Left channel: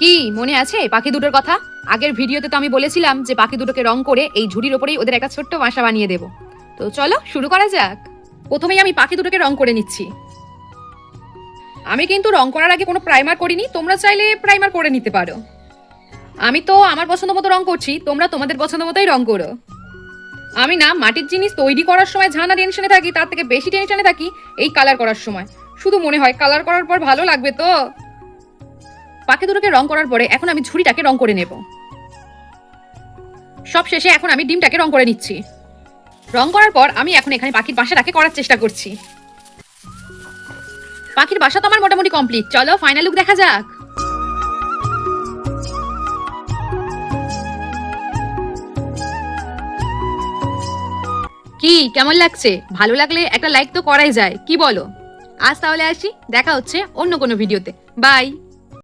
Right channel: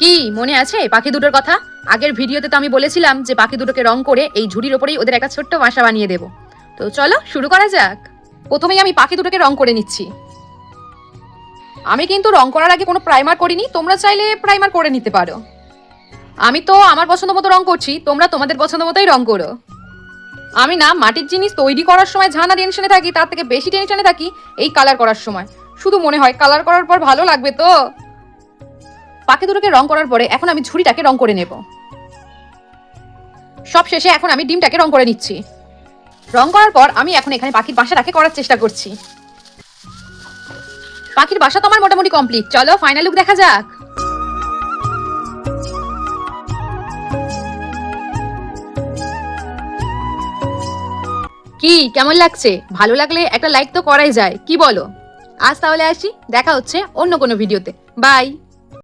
কি মনে আছে পাখি দুটোর কথা? আগের ভিডিওতে তো আমি বলেছিলাম যে পাখি দুটোকে রং করে এই ঝুড়ির ওপরেই ওদের একটা ছোট্ট বাসা বানিয়ে দেব। তো চলো শুরু করা যাক। প্রথমেই আমি পাখি দুটোকে রং করে নিচ্ছি। আমি কিন্তু রং করার আগে কোনো প্রাইমার করিনি, তোমরা চাইলে প্রাইমার করে নিতে পারো। আমি তো আমার পছন্দ মতো রং করছি, তোমরা তোমাদের পছন্দ মতোই রং করো। আমি না মাটির জিনিস তৈরি করার সময় ঝানা টেনশনে থাকি, তার থেকে বেশি টেনশনে থাকি এই কালার করার সময়। শুধু মনে হয় কালার করার পর ভালো লাগবে তো। পাখি দুটোকে রং করার পরে এখন আমি ঝুড়িটাকে রং করে নেব। সব শেষে এখন আমি ডিমটাকে রং করে নিচ্ছি। রং করার পর আমি এখন এখানে পাখির বাসাটাকে করার চেষ্টা করছি। পাখির বাসা তো আমার মোটামুটি কমপ্লিট, চলো ফাইনাল লুক দেখা যাক। কি কেমন লাগছে? ভালো লাগলে একটা লাইক তো করাই যায়, কি বলো? আজ তাহলে আসি, দেখা হচ্ছে অন্য কোনো ভিডিওতে। বাই।